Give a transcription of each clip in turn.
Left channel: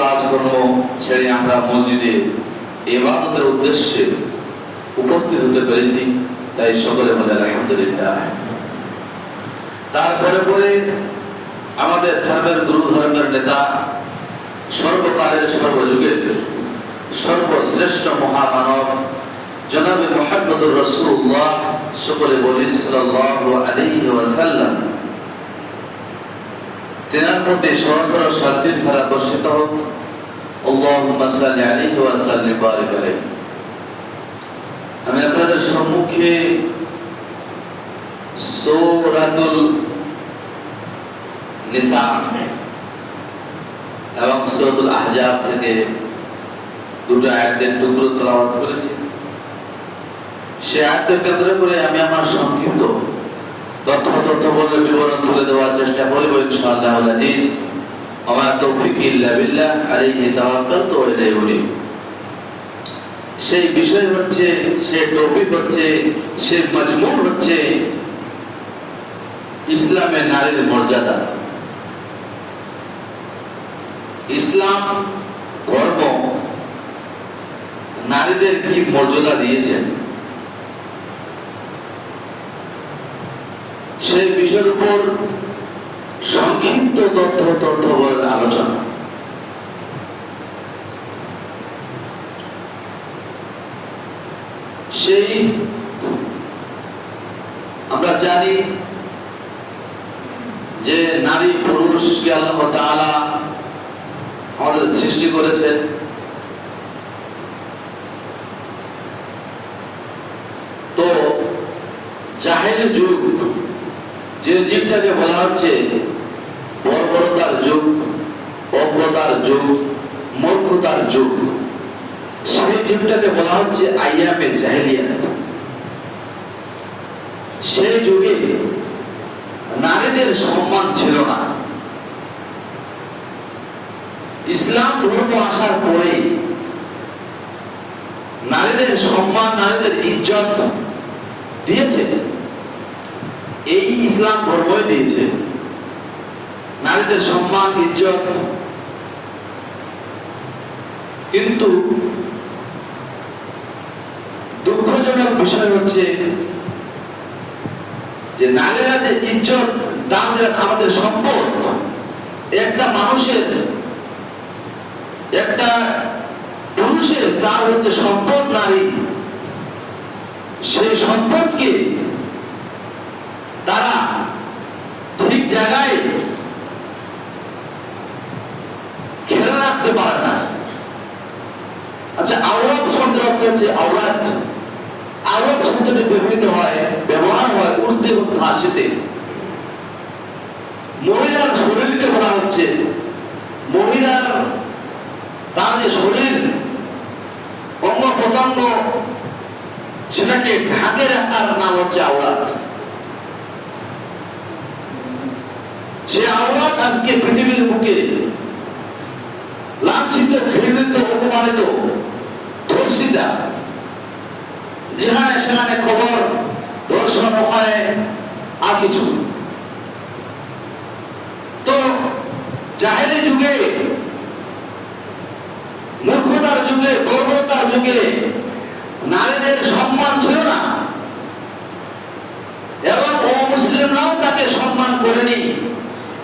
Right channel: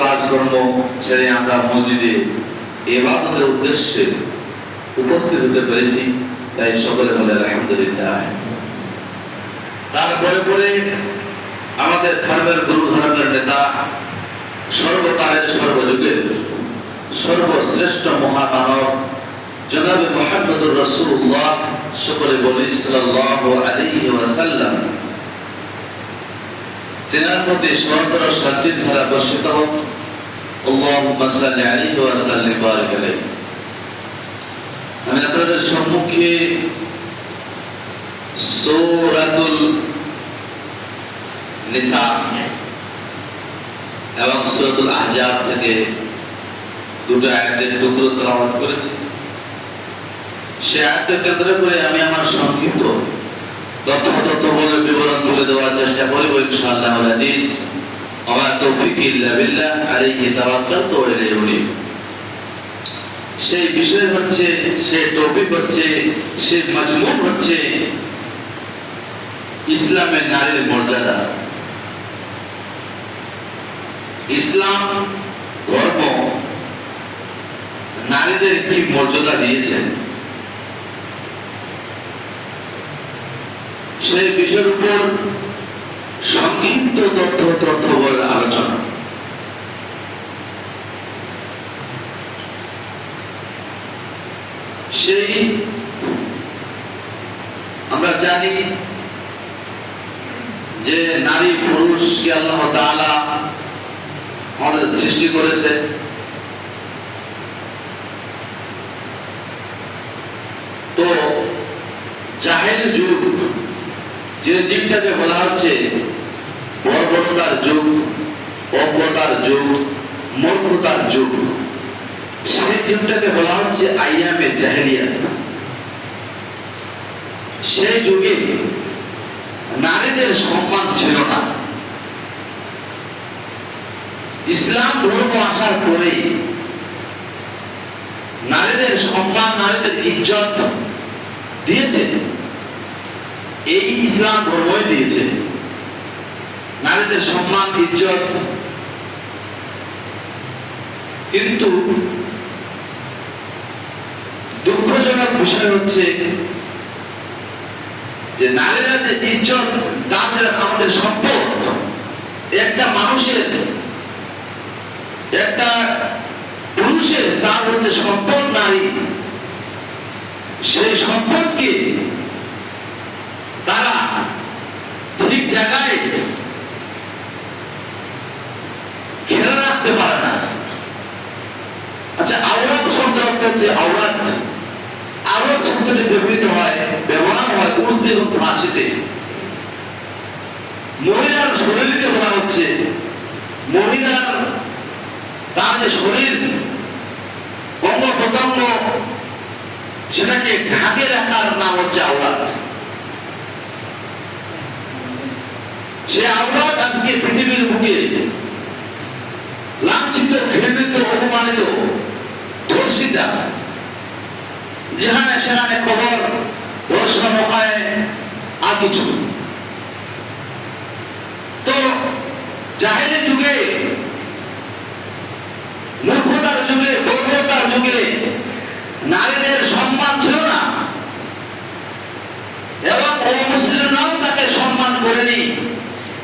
কাজকর্ম ছেড়ে আমরা মসজিদে ইবাদতের উদ্দেশ্যে উপস্থিত হতে পেরেছি, তাই সকলে বলে আলহামদুলিল্লাহ। তারপরে পরে আমাদের ধর্মের গুরু, ধর্মের নেতা, সর্বকালের সর্বযুগের সর্বশ্রেষ্ঠ মহামানব জনাবে মুহাম্মদুর রাসূলুল্লাহ, সকলে বলি সাল্লাল্লাহু আলাইহি ওয়াসাল্লাম, তেনার প্রতি সহস্র শান্তির ধারা বর্ষিত হোক। আল্লাহুম্মা সাল্লি আলাইহি ওয়া সাল্লিম বারিক আলাইহি। আমি আপনাদের সম্মুখে সূরাতুল নিসা এবং সূরাতুল আহজাব থেকে দুটো আয়াতের টুকরো তেলাওয়াত করেছি। সে আয়াতকে কেন্দ্র করে আমি আমার সংক্ষিপ্ত তথ্য বলে বিবরণ তুলে দেওয়ার চেষ্টা করব ইনশাআল্লাহ আজিজ। আমার তৌফিক ইল্লা বিল্লাহ, আলাইহি তাওয়াক্কালতু ওয়া ইলাইহি উনীব। সেই বিষয় হচ্ছে, সেই টপিক হচ্ছে, সেই মজমুন হচ্ছে ইসলামের নারীর মর্যাদা। ইসলাম ধর্ম নারীদের কি মর্যাদা দিয়েছেন, সেই বিষয়ের উপর সংক্ষিপ্ত তথ্য বলে আলোচনা। সেই আমরা জানি যে নারী পুরুষকে আল্লাহ তাআলা আমাদের সৃষ্টি করেছে। তো জাহেলি যুগ, যে যুগটাকে বলা হচ্ছে বর্বরতার যুগ, অজ্ঞতার যুগ, মূর্খতার যুগ, সেই যুগটাকে বলা হচ্ছে আইয়ামে জাহেলিয়াত। সেই যুগে নারীদের সম্মান ছিল না। ইসলাম ধর্ম আসার পরে নারীদের সম্মান, নারীদের ইজ্জত দিয়েছে। এই ইসলাম ধর্মই দিয়েছে নারীদের সম্মান, ইজ্জত। কিন্তু দুঃখজনক বিষয় হচ্ছে যে নারীরা যে ইজ্জত দান দেন, আমাদের সম্পদ, একটা মানুষের, একটা পুরুষের তার হচ্ছে সম্পদ নারী, সেই সম্পদকে তারা ঠিক জায়গায় খেলা রাখতে পারে না। আচ্ছা, আওরাত শব্দ হচ্ছে আওরাত। আওরাত শব্দটি ব্যবহার হয় উর্দু এবং ফার্সিতে। মহিলার শরীরকে বলা হচ্ছে, মহিলার তার যে শরীর, অঙ্গ প্রত্যঙ্গ, সেটাকে ঢাকে রাখার নাম হচ্ছে আওরাত। সে আওরাত আজকে পৃথিবীর বুকে লাঞ্ছিত, ঘৃণিত, অপমানিত, ধর্ষিতা। যেখানে সেখানে খবর ধর্ষণ হয় আর কিছু। তো জাহেলি যুগে, মূর্খতার যুগে, বর্বরতার যুগে নারীদের সম্মান ছিল না, এবং অমুসলিমরাও তাকে সম্মান করেনি,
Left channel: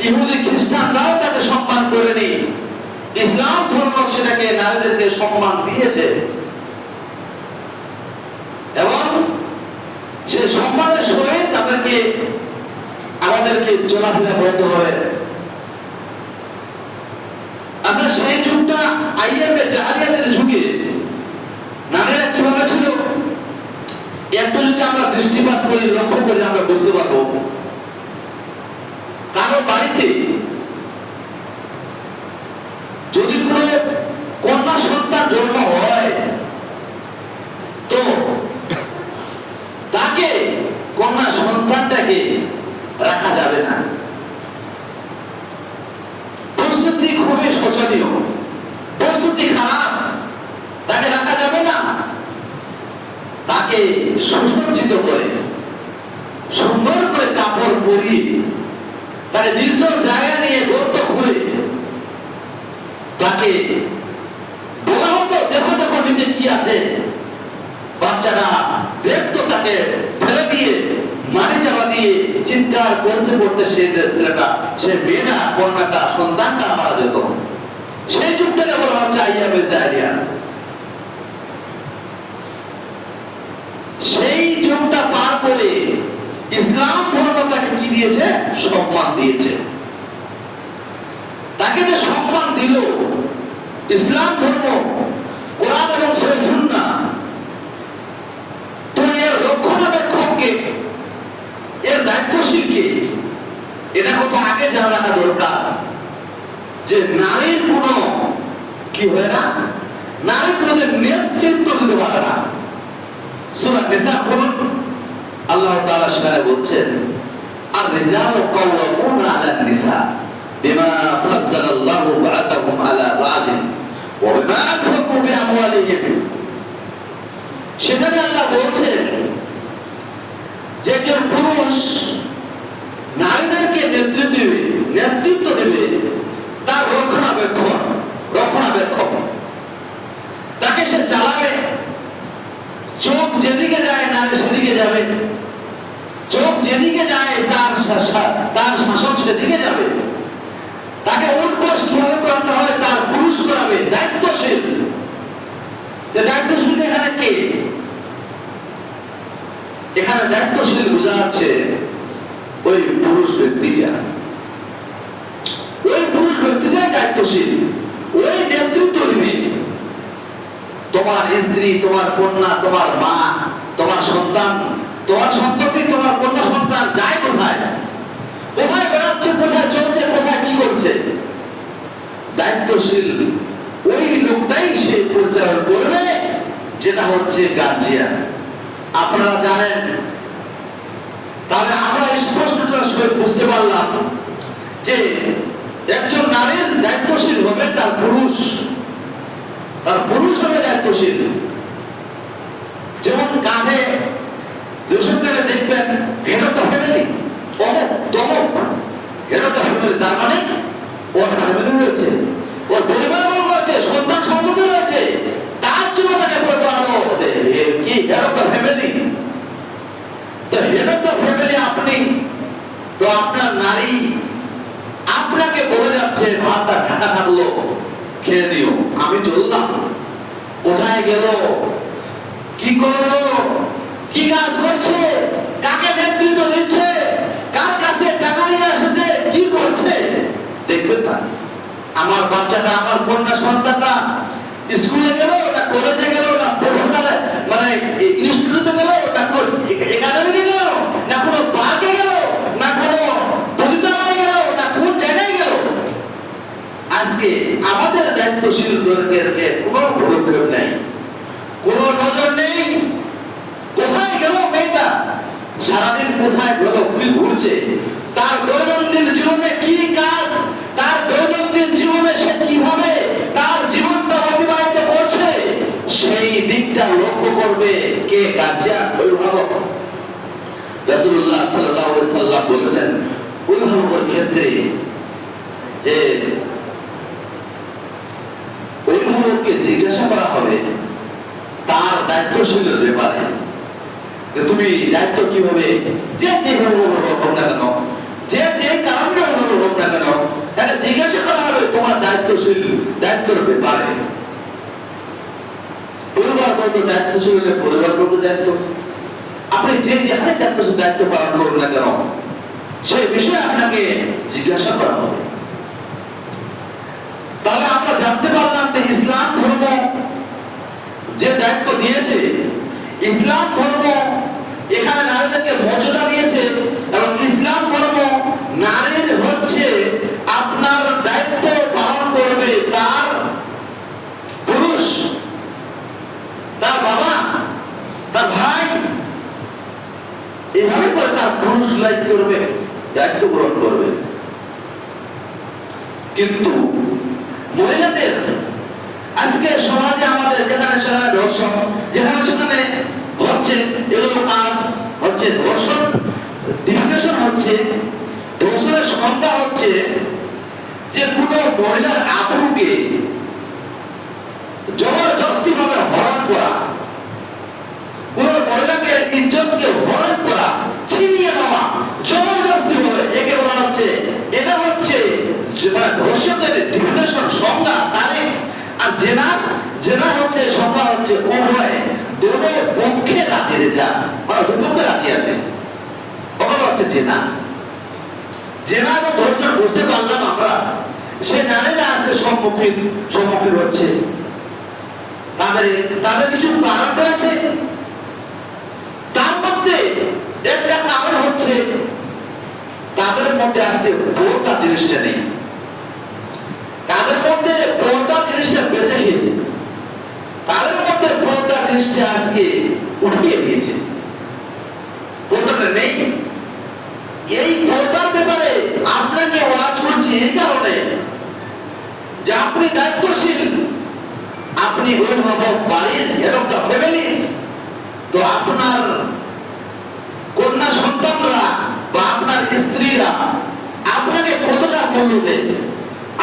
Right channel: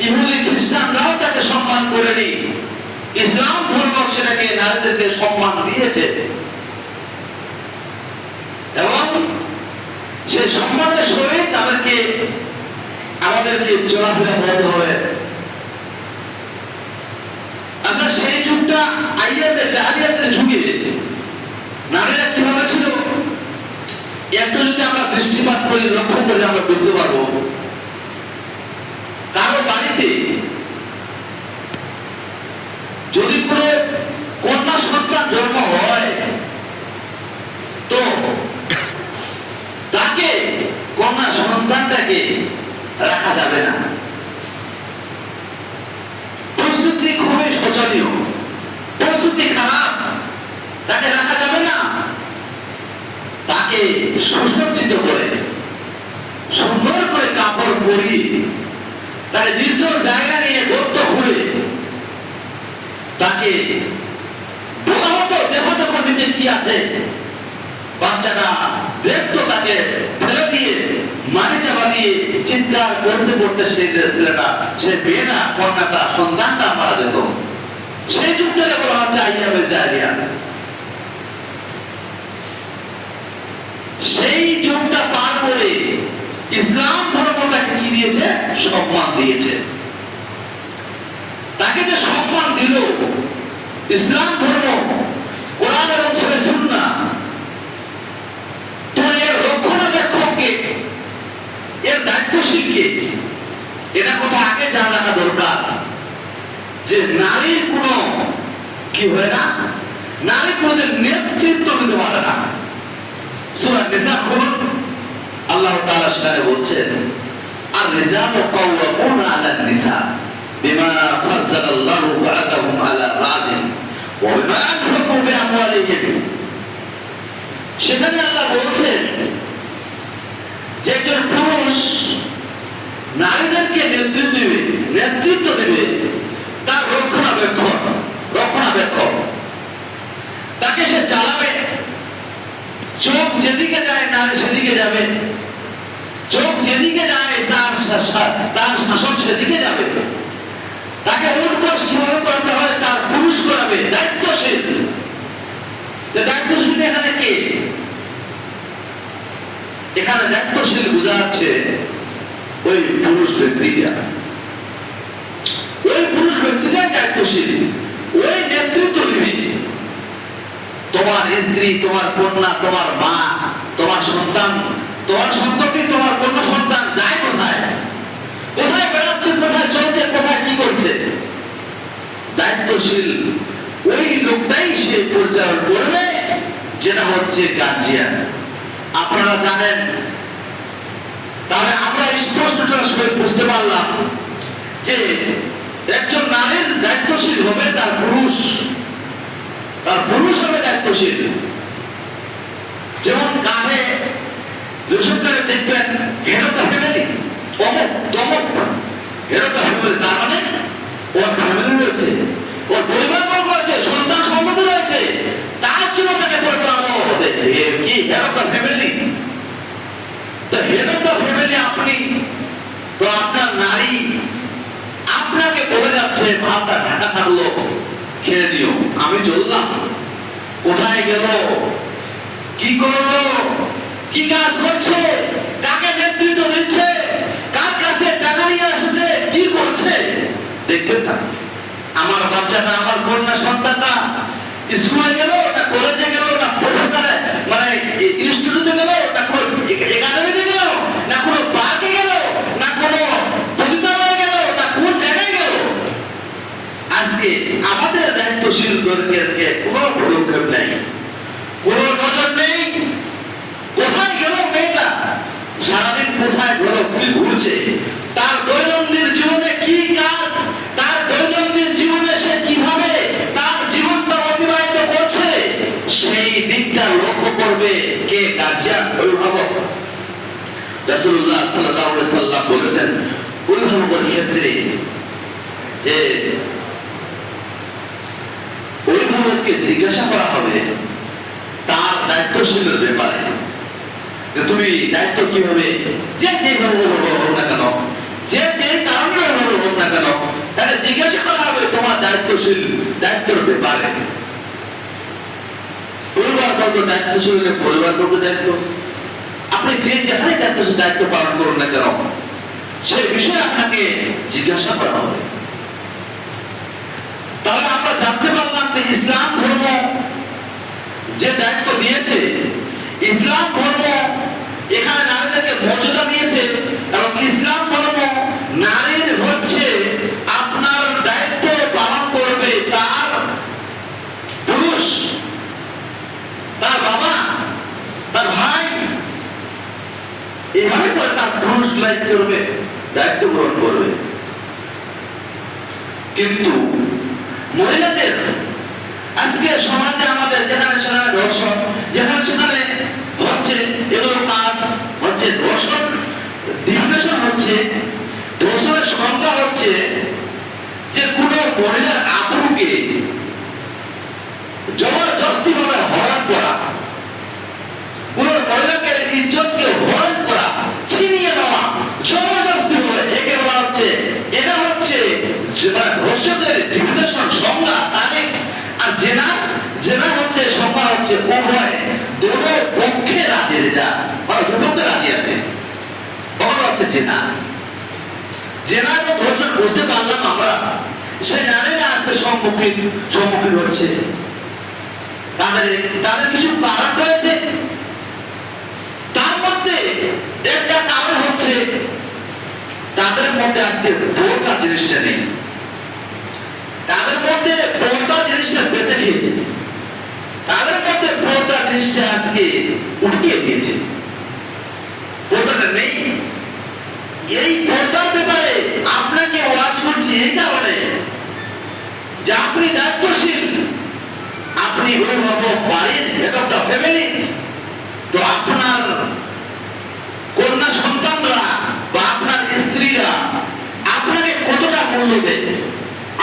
ইহুদি খ্রিস্টানরাও তাকে সম্মান করেনি। ইসলাম ধর্ম সেটাকে নারীদেরকে সম্মান দিয়েছে, এবং সেই সম্মানের সহিত তাদেরকে, আমাদেরকে চলাফেরা করতে হবে। আচ্ছা, সেই যুগটা আইয়ামে জাহেলিয়াতের যুগে নারীরা কিভাবে ছিল, একটু যদি আমরা দৃষ্টিপাত করি, লক্ষ্য করি, আমরা বুঝতে পারবো। কারো বাড়িতে যদি কোনো কন্যা সন্তান জন্ম হয়, তো তাকে, কন্যা সন্তানটাকে রাখা যাবে না। প্রস্তুতি খুবই শোচনীয়, প্রস্তুতি খারাপ, তাকে রাখা যাবে না। তাকে সুসজ্জিত করে, সুন্দর করে কাপড় পরিয়ে, তাকে নির্জন জায়গা নিয়ে গর্ত খুলে তাকে বলা হতো দেখো দেখো নিচে কি আছে, বাচ্চাটা দেখতো, তাকে ফেলে দিয়ে মাটি চাপা দিয়ে চিৎকার করতে করতে সেই ছেলেটা, সে মেয়েটা, কন্যাটা, সন্তানটা মারা যেত। সেই যুগটাকে বলা হচ্ছে আইয়ামে জাহেলিয়া। সেই যুগটা পার করে ইসলাম ধর্ম তাকে কি দিয়েছে? সম্মান দিয়েছে। তাকে যে সম্মান দিল ইসলাম ধর্ম, কোরআন এবং সহিহ সুন্নাহ, তো এর রক্ষণাবেক্ষককে, এর দায়িত্বশীলকে, এটা কথা আগে জানা রাখা দরকার যে নারীর কোনো কি হয় না, নারী কোনোদিন নেতৃত্ব দিতে পারে না। সূরা নিসা খুলুন, আল্লাহ তাআলা সেখানে বলছেন আর রিজালু কাওয়ামুনা আলান নিসা বিমা ফাজ্জালাল্লাহু বা'দাহুম আলা বা'দিন ওয়া বিমা আনফাকু বিআমওয়ালিহিম। সেখানে আল্লাহ বলছেন যে একজন পুরুষ নারীদেরকে নেতৃত্ব দেবে তার রক্ষণাবেক্ষক, তাকে সে চালাবে। চোখ যেদিকে যায় নারী সেদিকে যাবে, চোখ যেদিকে যায় তার শাসন সেদিকে যাবে। তাকে উঠবস কিভাবে করতে হয় তার পুরুষ করাবে, দায়িত্বশীল। দায়িত্বশীল এখানে কে? এখানে দায়িত্বশীল বোঝা যাচ্ছে ওই পুরুষ ব্যক্তিটা, ওই পুরুষ ব্যক্তিটা দায়িত্বশীল, ওই নেতৃত্ব দিবে। তোমার স্ত্রী, তোমার কন্যা, তোমার মা, তোমার সন্তান, তোমার সন্ততি, তোমার কন্যা সন্তান যায় কোথায়, কোথায় বেড়াচ্ছে, কোথায় চলছে, কোথায় কি করছে, দায়িত্বশীল ওই লোকটাই সে পরিচালনা করবে, যেটা হচ্ছে গার্জিয়ান। আপনারা জানেন, তাহলে আমরা স্পষ্টটা বুঝতে পারলাম যে একজন নারীর দায়িত্বশীল হবে তার পুরুষ, তার পুরুষ হবে দায়িত্বশীল। যেমন কাঁধে রেশনকারে দেখবেন হেড অফ দ্য ফ্যামিলি, অমুক তমুক হেড অফ দ্য ফ্যামিলি, তার মানে ওর ফ্যামিলি রয়েছে, ওর পরিবার বর্গ রয়েছে, সন্তান সন্ততি রয়েছে, তার জন্য তাকে পরিবার কি হেড অফ দ্য ফ্যামিলি। তো হেড অফ দ্য ফ্যামিলি আপনি, তো আপনার নারী আপনাকে বলে যাচ্ছে ভাতটা ঢাকা থাকলো, খেয়ে নিও, আমি চললাম। কোথায় গেল, কি করলো, কি কাজ করছে, কাকে নেতৃত্ব দিচ্ছে, কার কাছে টাকা নিয়ে এসেছে, কি করছে দেখবেন না। আমার বাচ্চাটা, আমার কন্যা সন্তানটা স্কুলে গেল না কলেজে গেল না প্রফেসরে মানে ইনস্টিটিউটে গেল না একাডেমিতে গেল না কোনো পার্কে গেল না কোনো পতিতালয়ে গেল না কোন জায়গায় গেল, আজকে আমাদের দায়িত্বশীল গণকে কোনো পদক্ষেপ নেই, কোনো নজর নেই। কোথায় গেল মেয়েটা, সারাদিন কোথায় গেল, কি ঘুরছে, তার দৈনন্দিন জীবনে কি কাজ, তার দৈনন্দিন জীবনে সে কিভাবে তার জীবনটা অতিবাহিত করছে, সেই দিকটা লক্ষ্য করবে কে? গার্জিয়ান, অভিভাবক। রাসূলুল্লাহ সাল্লাল্লাহু আলাইহি সাল্লাম বলেছেন অভিভাবকের ক্ষেত্রে যে অভিভাবককে জিজ্ঞাসা করা হবে তার দায়িত্বশীলের ব্যাপারে, যে তুমি দায়িত্ব কিভাবে, যে যেভাবে হোক না কেন, যে যে কারণে হোক না কেন, তাকে জিজ্ঞাসা করা হবে তোমার দায়িত্বের ব্যাপারে। পরিবার বর্গ দায়িত্বশীল হলে পরিবার বর্গ দায়িত্ব, আপনি যে যেখানে দায়িত্ব পালন করুন না কেন, সেই বিষয়ে আপনাকে জিজ্ঞাসা করা হবে। তাহলে আমরা জানতে পারলাম যে ইসলাম ধর্ম যে দায়িত্ব দিয়েছে, ইসলাম ধর্ম এখানে নারীদেরকে মর্যাদা দিয়েছে, এবং ইসলাম ধর্ম নারীর হচ্ছে আপনার দায়িত্ব পালন করবে তার পুরুষ, তার বাবা, তার ভাই, এভাবে করে তার পুরুষ দায়িত্ব গ্রহণ করবে। কিন্তু মহিলাদের আজকে সমাজে আমাদের যেখানে সেখানে ধর্ষণ, যেখানে সেখানে হচ্ছে এগুলো কাজ হচ্ছে, ধর্ষণ ডিফিনেশন হচ্ছে, ধর্ষণের সংজ্ঞা হচ্ছে যে কোনো মহিলার আবরুকে জবরদস্তি ভাবে হরণ করা, কোন মহিলাকে ইজ্জতকে হরণ করা, ছিনিয়ে নেওয়া জবরদস্তি ভাবে, একে বলা হচ্ছে, এটা হচ্ছে ধর্ষকের ডিফিনেশন, সংজ্ঞা, তারিখ। আর জেনা, জেনা হচ্ছে সংজ্ঞা হচ্ছে উভয় দুটো পক্ষে রাজি রেজা, মানে দুটোকে রাজি আছে, ওটা হচ্ছে জেনা। জেনা এবং ধর্ষণ বুঝতে পারলাম আমরা, সেই নারীরা আজকে সম্মুখীন হচ্ছে। তাদের কিছু কারণ রয়েছে, তার মধ্যে একটা কারণ হচ্ছে তাদের মধ্যে আজকে পর্দা জিনিসটা নেই, তাদের মধ্যে পর্দা জিনিসটা বেঁচে খেয়েছে, তাদের মধ্যে পর্দা জিনিসটা আজকে উঠিয়ে দিয়েছে, পর্দাটা নেই। এই পর্দার ব্যাপারে আপনাকে ওয়াজ করছি এই কারণে যে আপনি দায়িত্বশীল, আপনি অভিভাবক বাড়ির, হেড অফ দ্য ফ্যামিলি, তো আপনার কন্যা সন্তানরা বা আপনার স্ত্রীরা আপনাকে কতটা মূল্য দেয়,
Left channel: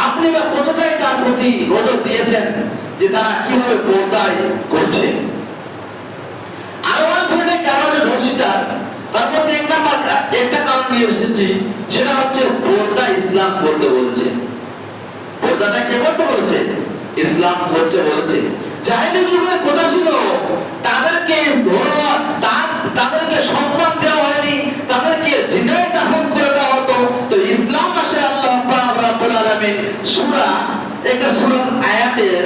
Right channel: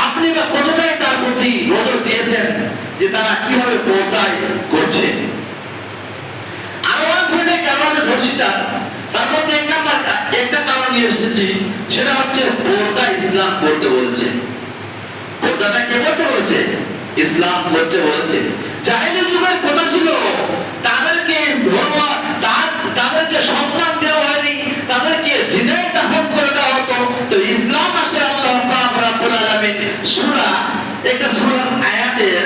আপনি বা কতটাই তার প্রতি নজর দিয়েছেন যে তারা কিভাবে পর্দায় করছে। আরো অনেক ধরনের কারণ আছে ধর্ষিতার, তার মধ্যে একটা কারণ নিয়ে এসেছি, সেটা হচ্ছে পর্দা ইসলাম করতে বলছে। পর্দাটা কে করতে বলছে? ইসলাম করতে বলছে। জাহেলি যুগের কথা ছিল তাদেরকে ধর্ম, তাদেরকে সম্মান দেওয়া হয়নি, তাদেরকে জিনায় দাফন করে দেওয়া হতো। তো ইসলাম আসে, আল্লাহ পাক রব্বুল আলামিন সূরা, একটা সূরার আয়াতের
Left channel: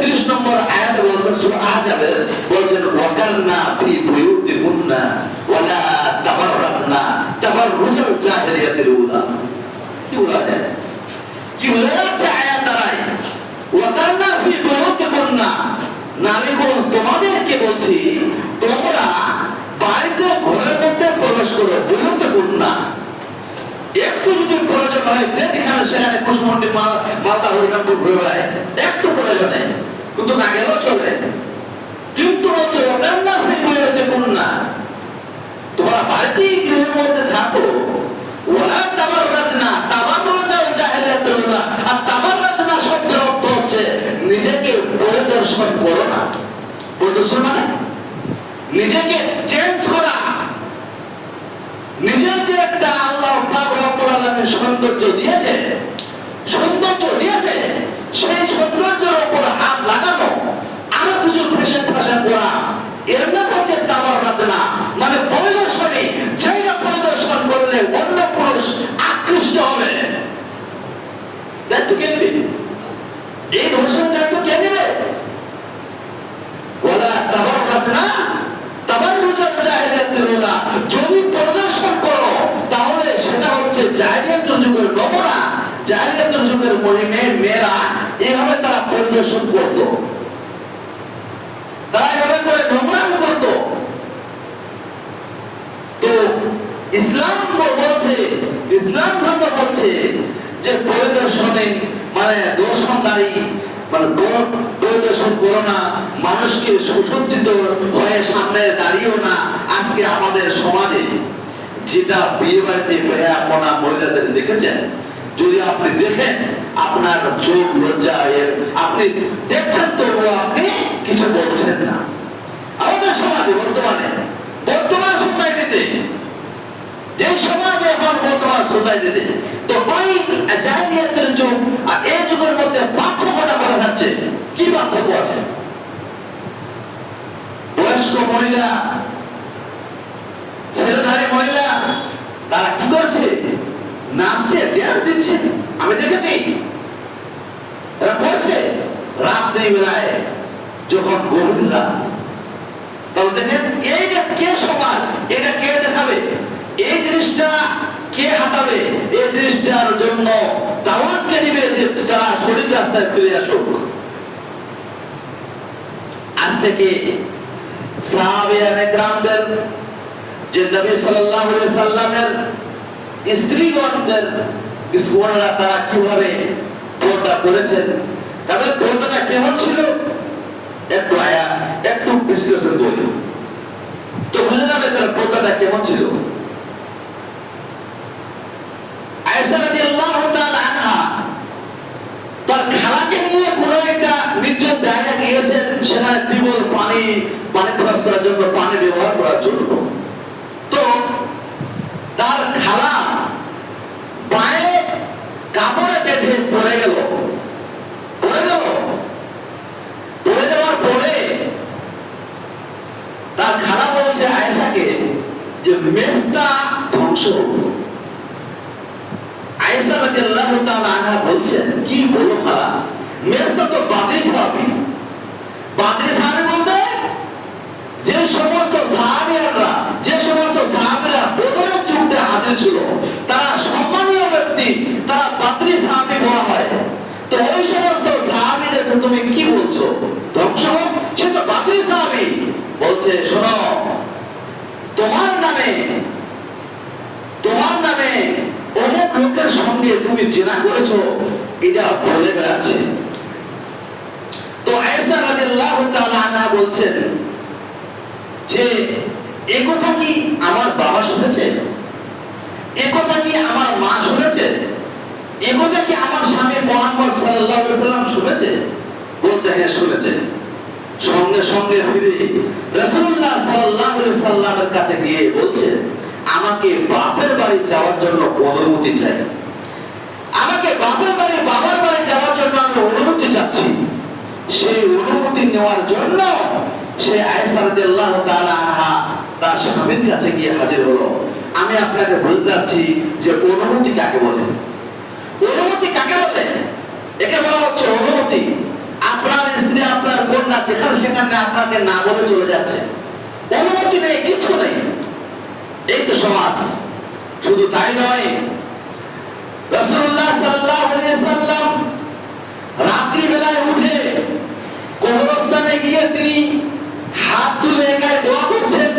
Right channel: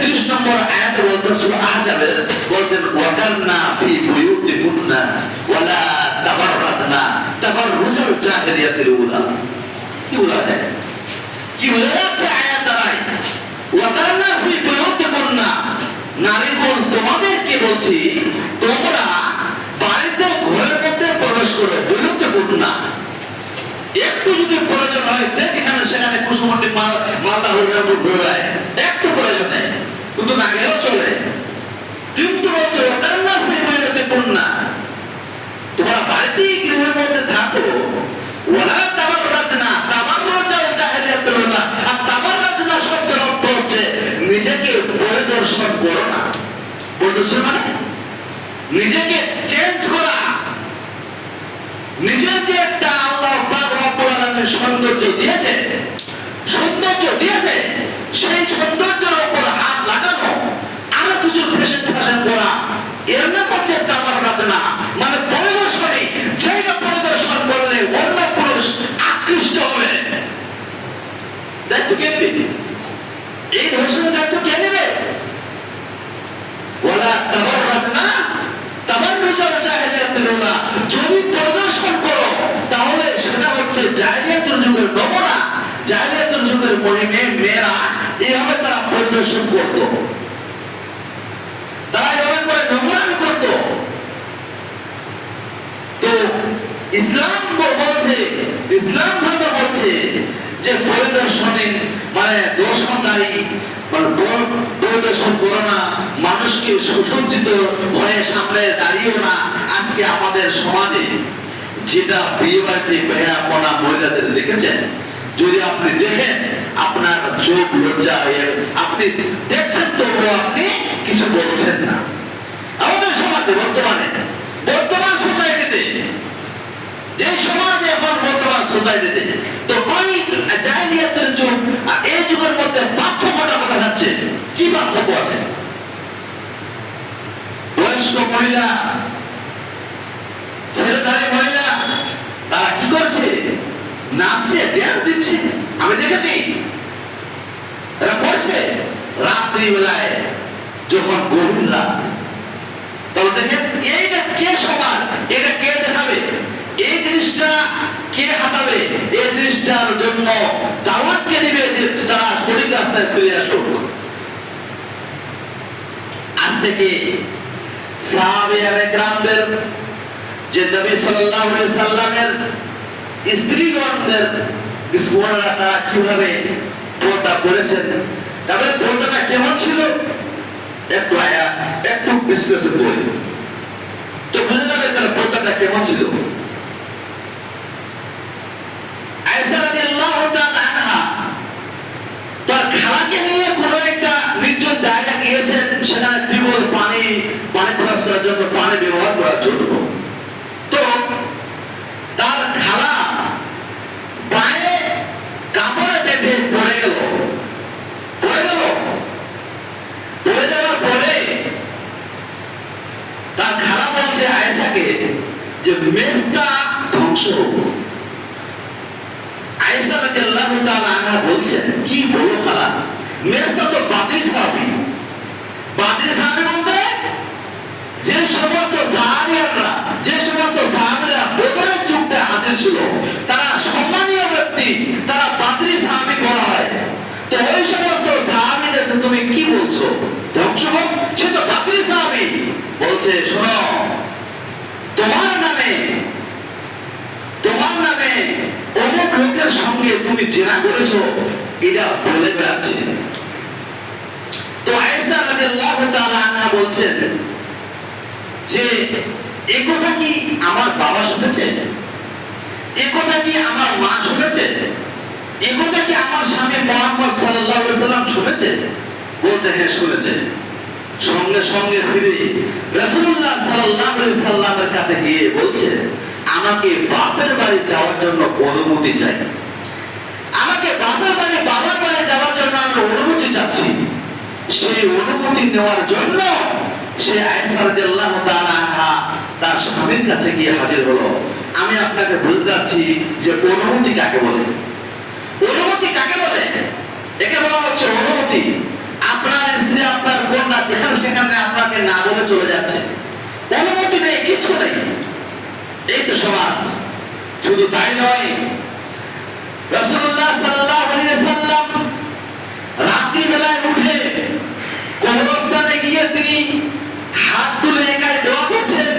30 নম্বর আয়াতে বলছেন, সূরা আহজাবের বলছেন, ওয়াকারনা ফি বুয়ুতিকুন্না ওয়ালা তাবাররাজনা তাবাররুজাল জাহিলিয়াতিল উলা। কি বলা যায়? কি বলা যাচ্ছে আয়াত দ্বারাই? ওয়াকারনা ফি বুয়ুতিকুন্না, নারীগণ তোমাদেরকে বলছি তোমরা বাড়িতে ঘরের মধ্যে প্রবেশ করো, বুয়ুতিকুন্না। একটু যদি প্রয়োজন হয় যেখানে সেখানে কুসুমন্ডি মালদা হরিরামপুর ঘুরে বেড়ায়, একটু প্রয়োজন নেই, কিন্তু না গেলেও চলে। কিন্তু বলছে ওয়াকারনা ফি বুয়ুতিকুন্না, তোমরা বাড়িতেই গৃহের মধ্যে থাকো, ওয়ালা তাবাররাজনা তাবাররুজাল জাহিলিয়াতিল উলা। আর তাবাররাজনা শব্দের অর্থ হচ্ছে নিজেকে পরিদর্শন করো না। পরিদর্শন মানে নিজেকে চেঞ্জ করা, নিজের যে একটা আল্লাহ পাক রব্বুল আলামিন সৌন্দর্য দিয়েছে, সেই সৌন্দর্যের উপর হাত লাগানো, আরো কিছু ফ্যাশন করা, এর নাম হচ্ছে তাবাররাজনা, মানে পরিদর্শনী। যেটা পরিদর্শন করলে অন্য পুরুষ আকৃষ্ট হবে। দায়িত্ব কে নেবে? এই ধর্ষণের দায়িত্ব কে নেবে? ওয়ালা তাবাররাজনা তাবাররুজাল জাহিলিয়াতিল উলা। যদি পরিদর্শন করো তাহলে সেটা হচ্ছে জাহিলিয়াতের যুগের নমুনা। জাহিলিয়াতের যুগের মেয়েরা এভাবে তারা পরিদর্শন করত, তারা এভাবে করে নোংরামি করত। তো ইসলাম বলছে, ইসলাম ধর্ম বলছে যে পরিদর্শনে মানে দর্শনদারি, মানে পরিদর্শন করো না, মানুষকে সুসজ্জিত হয়ে সামনে দাঁড়িয়েও না। আজকে আমাদের সমাজে যেটা বিয়ে বাড়িতে বেহাপনা মহিলাদের দেখেছেন, যদি আপনি দেখেন আপনার চোখ লজ্জা, আপনি দেখছেন তবুও আপনি কিছু বলছেন না। আমাদের সমাজে বর্তমান সোসাইটিতে, যে সমাজে এখন বর্তমান সোসাইটিতে, তো ওই জাহিলিয়াতের যুগ আর এই যুগের মধ্যে পার্থক্যটা কথা যাচ্ছে। কি পার্থক্য আছে? বয়স্ক মহিলা, ছেলেধারী মহিলা, তারা কি করছে? নাচছে, ড্যান্স দিচ্ছে, আমি দেখেছি। এরা করছে রাত্রি বেলায়, যখন গভীর রাত, তখন দেখেন এইটা কে সমাজ, এটা কে দেখাবে, এই জিনিসটা কে হাঁটাবে, এই জিনিসটার জন্য দাওয়াত কে নেবে যে তারা সঠিক রাস্তায় ফিরে আসুক। আজ থেকে সাহাবায়ে কেরামদের, যে নবী সাল্লাল্লাহু আলাইহি সাল্লামের স্ত্রীগণদের বিশ্বরা তারা কিভাবে পর্দা করেছেন, তাদের পর্দাটা কেমন ছিল, একটু বিশ্লেষণ করি তো বুঝে যাবে তার পর্দাটা কেমন ছিল। আয়েশা রাদিয়াল্লাহু তাআলা আনহা পানি খরচ করার জন্য, পানি ব্যবহার করার জন্য। তো তার খালা পায়ে কাপড়ে বেঁধে পড়ে গেল। পড়ে যাওয়ার পরে তার খালা বলছে আয়েশাকে যে মেজটা ধ্বংস হোক। আয়েশা রাদিয়াল্লাহু তাআলা আনহা বলছেন, কি বলো খালা, মেজটা তো বাদরি সাহাবী। বাদরি সাহাবী বলতে যে সমস্ত সাহাবীরা বদরের যুদ্ধে হাজির ছিল, তারা সম্মানীয় ব্যক্তি, তারা বাদরি সাহাবী বলা হয়। তো ওই সমস্ত সাহাবীদেরকে তুমি কি বলছো ধ্বংস হোক? সে তো বাদরি সাহাবী। বলছে, শোনো, তোমার নামে অমুক লোকের সঙ্গে তুমি জিনা করেছো, এটা বলে বেড়াচ্ছে। তো আয়েশা রাদিয়াল্লাহু তাআলা আনহা বলছেন যে এ কথা কি আমার বাবা শুনেছে? এ কথা কি আমার মা শুনেছে? এ কথা কি আমার স্বামী মুহাম্মদ সাল্লাল্লাহু আলাইহি ওয়াসাল্লাম শুনেছে? বলছে, হ্যাঁ শুনেছে। সঙ্গে সঙ্গে ফিরে রাসূলুল্লাহ সাল্লাল্লাহু আলাইহি ওয়াসাল্লামের কাছে গিয়ে বলছে, আমাকে বাপের বাড়ি যাওয়ার জন্য অনুমতি চাই। আমাকে বাবার বাড়ি যাওয়ার জন্য আমি অনুমতি চাচ্ছি। সেই অনুমতি নেওয়ার জন্য সে আয়েশা রাদিয়াল্লাহু তাআলা আনহা তার স্বামীর কাছে গিয়ে হাজির হলো। আমি আপনাকে বলতে যাচ্ছি যে অনুমতি কাকে বলে? অনুমতি কাকে বলে? একে বলা হচ্ছে অনুমতি। আপনার স্ত্রী, আপনার কন্যা যেখানে সেখানে আপনাকে না বলে চলে যাচ্ছে, অনুমতি নেই, কিছু নেই। এই তো সমাজ। শুধু তাই নয়, রাসূলুল্লাহ সাল্লাল্লাহু আলাইহি ওয়াসাল্লাম রাত্রি বেলায় উঠে কবরস্থানে গিয়ে তিনি হাত তুলে একাই দোয়া করছেন।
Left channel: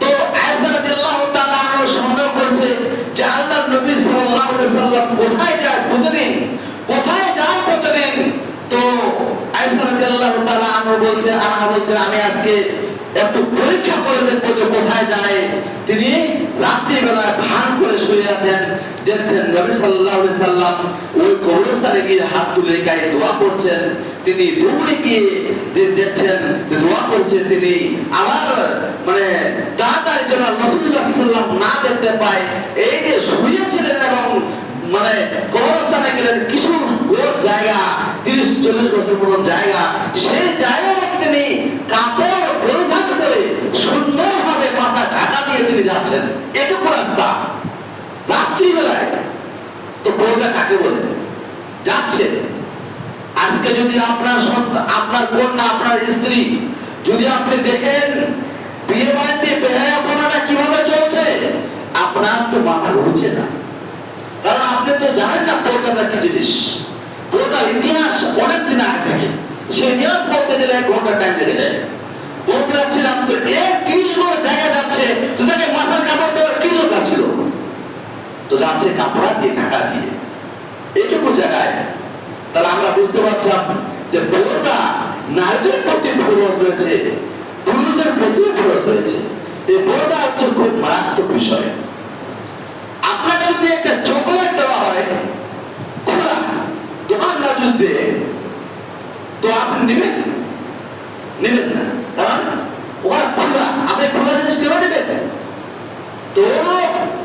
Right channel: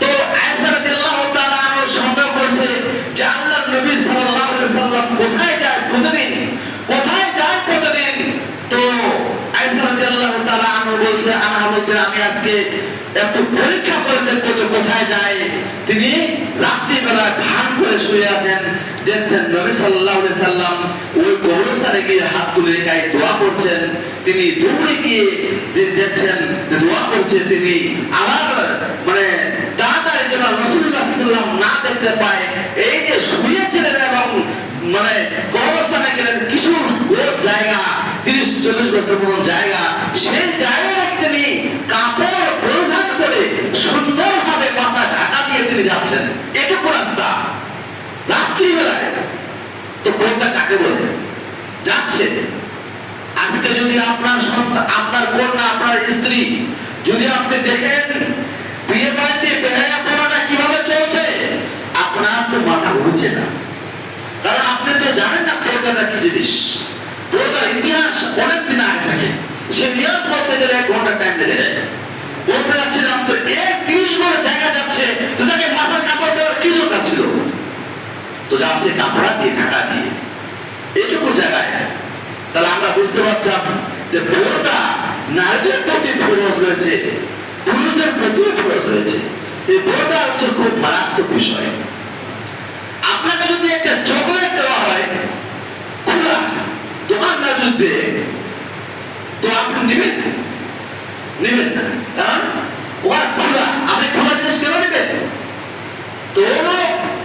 তো আয়েশা রাদিয়াল্লাহু তাআলা আনহা সন্দেহ করছে যে আল্লাহর নবী সাল্লাল্লাহু আলাইহি ওয়াসাল্লাম কোথায় যায় প্রতিদিন? তো আয়েশা রাদিয়াল্লাহু তাআলা আনহা বলছে, আমি আজকে একটু পরীক্ষা করে দেখবো তো কোথায় যায়। তিনি রাত্রি বেলা ভান করে শুয়ে আছেন, দেখছেন নবী সাল্লাল্লাহু আলাইহি সাল্লাম ওই কবরস্থানে গিয়ে হাত তুলে গায়ে দোয়া করছেন। তিনি দৌড়ে গিয়ে দেখছেন দোয়া করছে। তিনি আমার তাড়াতাড়ি যেন রাসূলুল্লাহ সাল্লাল্লাহু আলাইহি সাল্লাম না দেখতে পায়, এই যে শুয়েছিলেন এবং কবরস্থানে গেলেন কিছু জায়গা, 30-40 বছর পুরনো জায়গা, সেই জায়গাটা তিনি কাপড় পরিধান করে সুন্দরভাবে মাথা ঢাকা দিয়ে তিনি যাচ্ছেন। এটুকু রাস্তা রাত্রিবেলায়। তো পর্দা কাকে বলে? যাচ্ছে। আজকে যদি আপনার সন্তান, আপনার কন্যা, আপনার স্ত্রী যদি আপনি দেখেন বিয়ে বাড়িতে বেহায়াপনাটা কিভাবে চলছে, আপনার তো মাথা ঘুরছে না। কারণ আপনি তো জানেন না পর্দাটা কি জিনিস। পর্দার ইতিহাস অনেক দিন আগে থাকে। সে ইতিহাস বলতে গেলে 1 ঘন্টা টাইম লেগে যায়। বলতে যাচ্ছিলাম তো 30 ঘন্টা জায়গা যাচ্ছে, তো তাকে মাথার কাপড় দেওয়ার কি দরকার ছিল? তো যাচ্ছে কাপড় দিয়ে, ঢাকা দিয়ে, এটুকু জায়গায়। তাহলে আমরা বুঝতে পারছিলাম যে পর্দা নারীদের প্রতি ফরজ রয়েছে, পুরুষদের প্রতিও ফরজ রয়েছে। এই পর্দা হচ্ছে খুব মারাত্মক বিষয়। আপনাকে যদি একটা চকলেট দেওয়া হয় খোলা দোকানদার যুদ্ধে, তো আপনি নেবেন না, কারণ ওরা খোলা। আপনি খোলা জিনিস কেন নেবেন? তো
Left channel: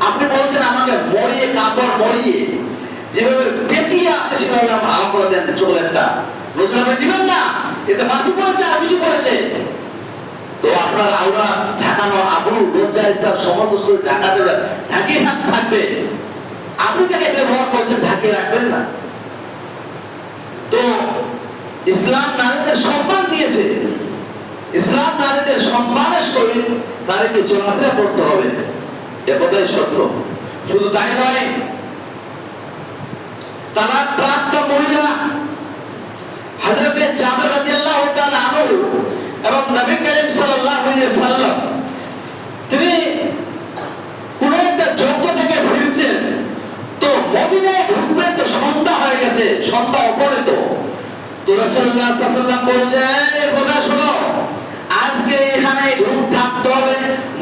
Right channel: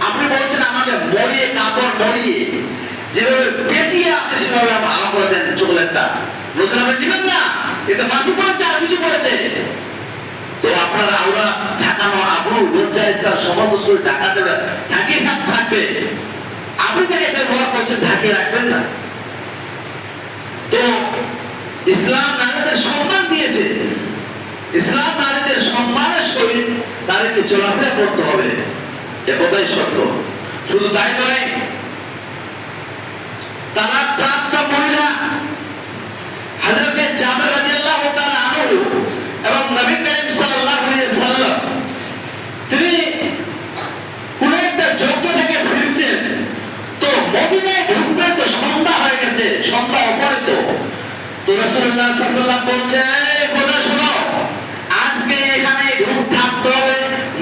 আপনি বলছেন আমাকে মরিয়ে, কাপড় মরিয়ে যেভাবে পেঁচিয়ে আছে সেভাবে আপনি আলাদা করে দেন চকলেটটা, বলছেন আপনি নেবেন না, এটা মাছি পড়েছে আর কিছু পড়েছে। তো আপনার আওরা ঢাকানো, আবরু, লজ্জায় তার সমস্ত শরীর ঢাকা দেবে, ঢাকিয়ে থাকবে। আপনি তাকে ব্যবহার করছেন, ঢাকিয়ে রাখবেন না। তো ইসলাম নারীদের সম্মান দিয়েছে। ইসলাম নারীদের সম্মানের সহিত নারীকে চলাফেরা করতে হবে, এ কথাই সত্য। শুধু তাই নয়, তালাক প্রাপ্ত মহিলা হযরতে জাবের রাদিয়াল্লাহু তাআলা আনহু এবং নবী করিম সাল্লাল্লাহু আলাইহি সাল্লাম তিনি কোন একটা যজ্ঞ থেকে ফিরছেন। তো মদিনায় ঢুকবে, তো সন্ধ্যা হয়ে গেছে, সন্ধ্যা অপরিত। তো রাসূলুল্লাহ সাল্লাল্লাহু আলাইহি সাল্লাম বলছেন, এই কথা শোনো, আজকে এখানে থাকতে হবে,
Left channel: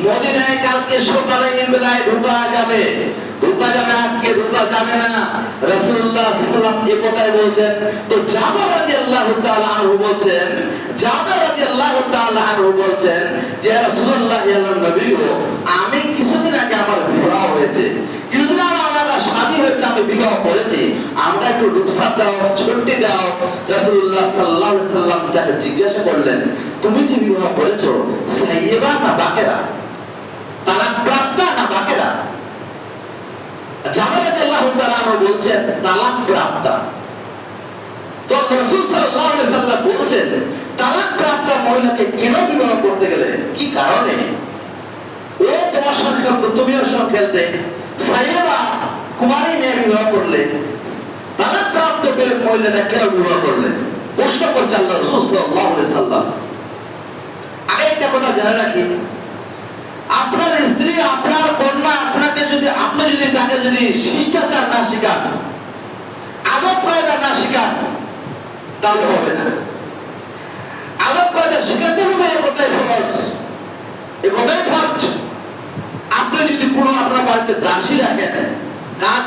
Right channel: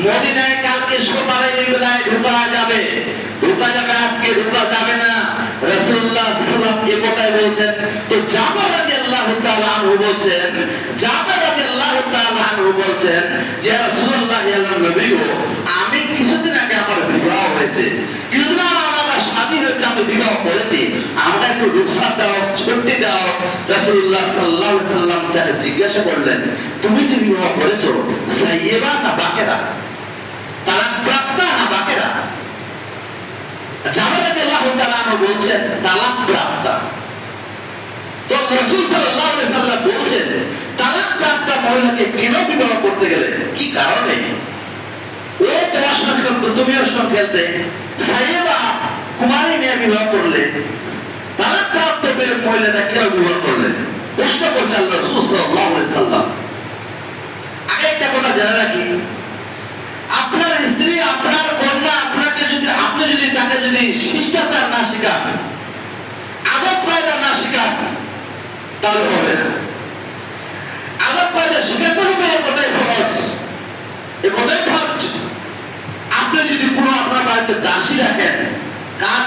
মদিনায় কালকে সকালে বেলায় ঢোকা যাবে, আজকে ঢোকা যাবে না। রাসূলুল্লাহ সাল্লাল্লাহু আলাইহি সাল্লাম এই কথাই বলছেন। তো জাবের রাদিয়াল্লাহু তাআলা আনহু বলছেন, জাবের রাদিয়াল্লাহু তাআলা আনহু বলছেন যে ইয়া রাসূলুল্লাহ ইয়া নবী গো, আমি কিছুদিন আগে আমার বিবাহ হয়েছে, কিছুদিন আমার স্বামী হয়েছে, আমি বিবাহ করেছি, আমরা একটু রুখসাত দাও, ছুটি দাও। রাসূলুল্লাহ সাল্লাল্লাহু আলাইহি সাল্লাম তাকে জিজ্ঞাসা করলেন, তুমি যে বিবাহ করেছো সাইয়্যিবা না বাকেরা, তালাক প্রাপ্ত না বাকেরা? জাবের রাদিয়াল্লাহু তাআলা আনহু বলছেন তালাক প্রাপ্ত। তো রাসূল সাল্লাল্লাহু আলাইহি সাল্লাম বলছেন তালাক প্রাপ্ত মহিলাকে কেন বিবাহ করতে গেলে, কি কারণে? ও তোমার সঙ্গে খেলতো, তুমিও সঙ্গে খেলতে, সাইয়্যিবা কুমারী মেয়ে বিবাহ করলে, তালাক প্রাপ্ত মহিলাটা কেন বিবাহ করলেন? প্রশ্ন করছে আল্লাহ রাসূল সাল্লাল্লাহু আলাইহি সাল্লাম। আগে একটা কথা জেনে রাখি, আপনার স্ত্রী, আপনার কন্যা আপনাকে যদি, আপনি যদি তাকে যদি শিষ্টাচার না শেখান, আদব কায়দা না শেখান, তাহলে হবে না। আদব কায়দা শেখাতে হবে, এ কথাই ফরজ, এ কথাই ফরজ। আপনি যদি কোনো আপনার বাড়িতে দাসী রাখেন, কাজ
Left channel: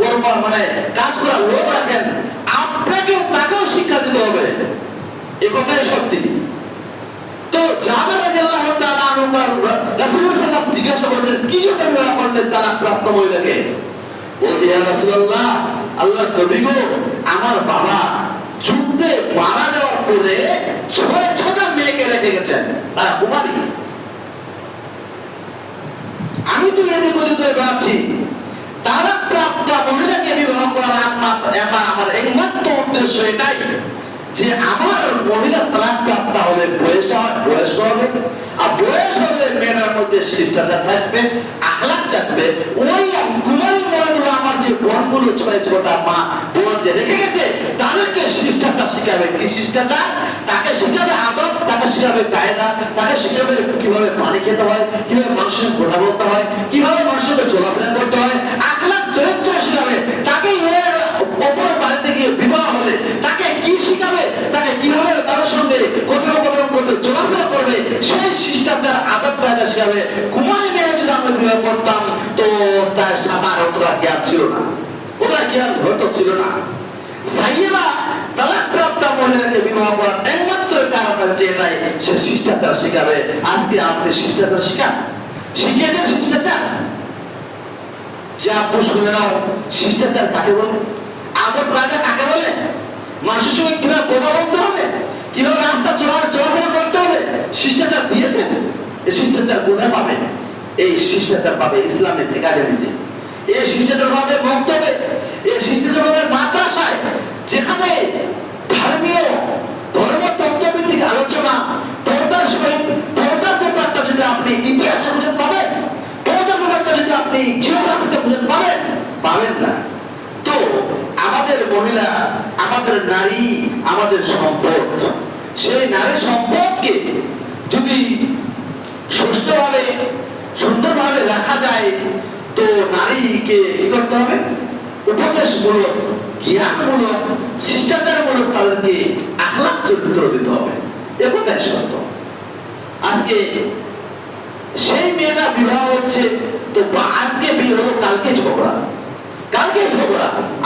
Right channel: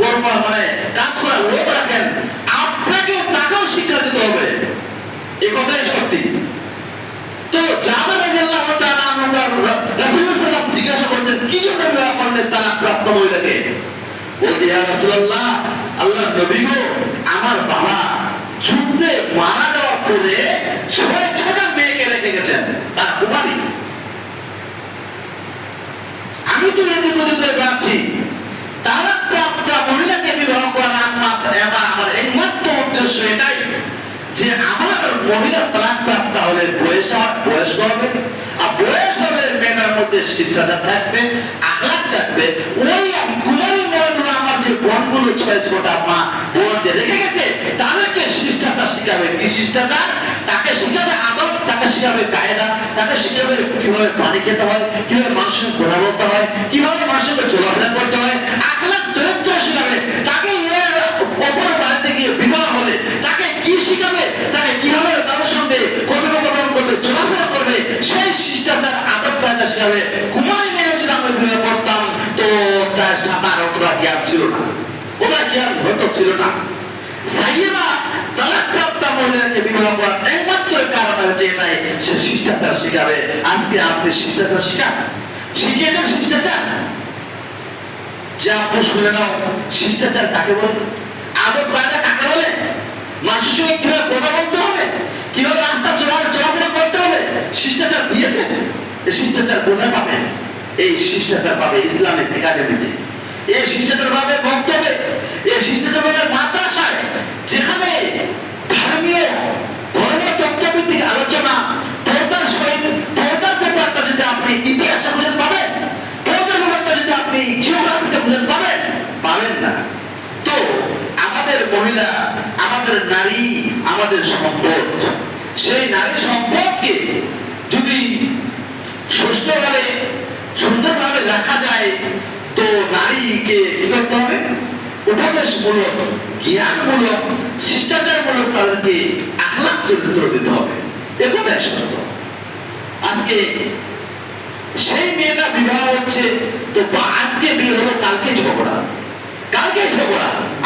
করবা মানে কাজ করা লোক রাখেন, আপনাকে তাকেও শিক্ষা দিতে হবে, এ কথাই সত্যি। তো জাবের রাদিয়াল্লাহু তাআলা আনহু রাসূলুল্লাহ সাল্লাল্লাহু আলাইহি ওয়াসাল্লাম জিজ্ঞাসা করছেন কি জন্য বিবাহ করলেন তালাক প্রাপ্ত মহিলাকে? বলছে ইয়া রাসূলুল্লাহ, আল্লাহর নবী গো, আমার বাবা যুদ্ধে মারা যাওয়ার পরে 6টা মেয়েকে রেখে গেছেন, তারা কুমারী। আমি তো এদিক ওদিক করে বেড়াচ্ছি, তালাক প্রাপ্ত মহিলাকে বিবাহ করার আমার একমাত্র উদ্দেশ্য এটাই যে আমার মহিলা তালাক প্রাপ্ত হলে বয়স হবে, আর বয়স হলে মেয়ের মধ্যে শিষ্টাচার থাকবে, আখলাক থাকবে। ওই কুমারী মহিলা আমার যে বোনগুলো 6টা মা বোন যে রেখে গেছে, তাদেরকে শিষ্টাচার শিখাবে। কি শিষ্টাচার? তাকে শিখাবে আদব, তাকে শিখাবে কায়দা, তাকে শিখাবে কিভাবে পানি খেতে হয়, কিভাবে মানুষের কথা বলতে হয়, কিভাবে মানুষের চলাফেরা করতে হয়, আখলাক চরিত্র শিখাবে। তাকে এর অপর বাড়িতে গিয়ে বিবাহ হলে তাকে কি শিখাবে, তাকে কিভাবে তাদের সঙ্গে কথোপকথন করবে, চলাফেরা করবে, সেই শিষ্টাচার আদব কায়দা শিখাবে। কুমারী মেয়ে যদি আমরা বিবাহ করতাম তো তার সাঁতার অতটা জ্ঞান ছিল না, ওটা জ্ঞান হয়তো ছিল না। সাইয়্যিবা তালাক প্রাপ্ত মহিলাকে বিবাহ করার একমাত্র কারণ হচ্ছে এটাই, সে শিষ্টাচার শিখাবে। আজকে আপনি শিষ্টাচার শিখান, শিখিয়েছেন শিষ্টাচার? যা শুনে নাও, শিষ্টাচার কাকে বলে, আদব কায়দা কাকে বলে, মানুষের সঙ্গে কিভাবে কথা বলতে হবে, কিভাবে রাস্তা চলাফেরা করতে হবে, শিষ্টাচার দিয়েছেন। এই শিষ্টাচার কোথায় পাবে? এই শিষ্টাচার পাবে ইসলামিক একাডেমিতে, এই শিষ্টাচার পাবে বক্তব্যে, এই শিষ্টাচার পাবে মাদ্রাসায়, যেখানে ধর্মীয় তত্ত্বভিত্তিক আলোচনা, পর্দার সহিত, পর্দার ব্যাপারটা যদি আপনি ইতিহাসে খুঁজে পাবেন, পর্দার ব্যাপারটা যদি আপনি জিওগ্রাফিতে খুঁজে পাবেন না। তো আমাদের মহিলা, আমাদের নারী, আমাদের সম্পদ, সেই নারী সম্পদকে যদি সুস্থভাবে সুন্দরভাবে রাখা যায়, তো নারীকে কি করতে হবে? উপদেশমূলক, জ্ঞানমূলক, শিষ্টাচারমূলক তাদেরকে আখলাক চরিত্র দিতে হবে, এ কথাই সত্য। আজকে সেই মেয়েটা বিবাহ হচ্ছে, তো আজকে বিয়ে হলো, কালকে ঝগড়া,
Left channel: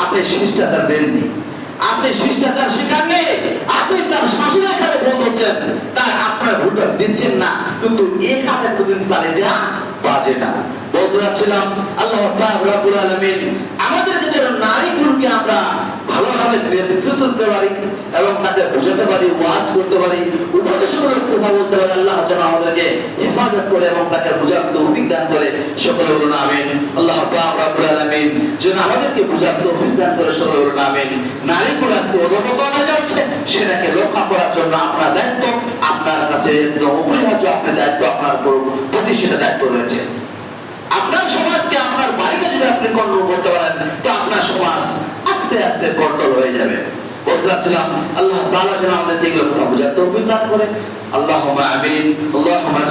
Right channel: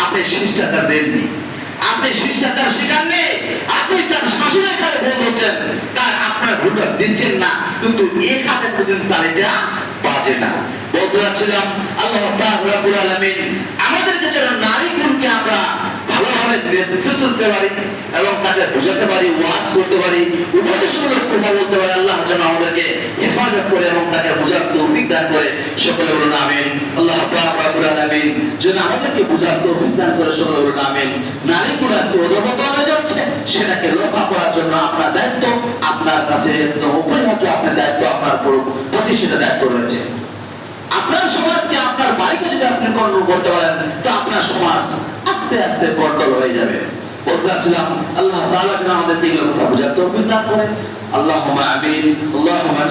আপনি শিষ্টাচার দেননি, আপনি শিষ্টাচার শেখাননি, আপনি তার শাশুড়ের খালে বন্ধ হচ্ছেন, তাই আপনারা ভুলটা দিচ্ছেন না, কিন্তু এই খাতে কোনদিন তালিটা বাজে না। বন্ধুরা ছিলাম, আল্লাহ রাব্বুল আলামিন আমাদেরকে যেন নারীগুলোকে আমরা ভালোভাবে নেতৃত্ব দিতে পারি এবং তাকে বোঝাতে পারি, ওয়াজ করতে পারি, উপদেশমূলক কথা বলতে পারি। আল্লাহ যেন আমাদেরকে হেফাজত করে এবং তাকে বোঝার তৌফিক দান করে। সকলে বলুন আমিন। আল্লাহ রাব্বুল আলামিন যেন আমাদেরকে বোঝার তৌফিক দান করে। সকলে বলুন আমিন। নারীগুলো আজকে অধঃপতন হয়ে যাচ্ছে, সেটাকে রক্ষা করার জন্য আপনার দায়িত্ব, আপনার কাছে একদম অপরিহার্য, আপনার দায়িত্ব, আপনার প্রতি সেটা দায়িত্ব রয়েছে। আপনার সমাজকে, আপনার বাড়িকে যদি আপনি কন্ট্রোল করতে পারেন, তো আপনার সমাজ আস্তে আস্তে কন্ট্রোল হয়ে যাবে। বলছিলাম, আল্লাহ তাআলা যেন আমাদের এগুলো কথা বোঝার তৌফিক দান করেন। আল্লাহুম্মা আমিন। আল্লাহুম্মা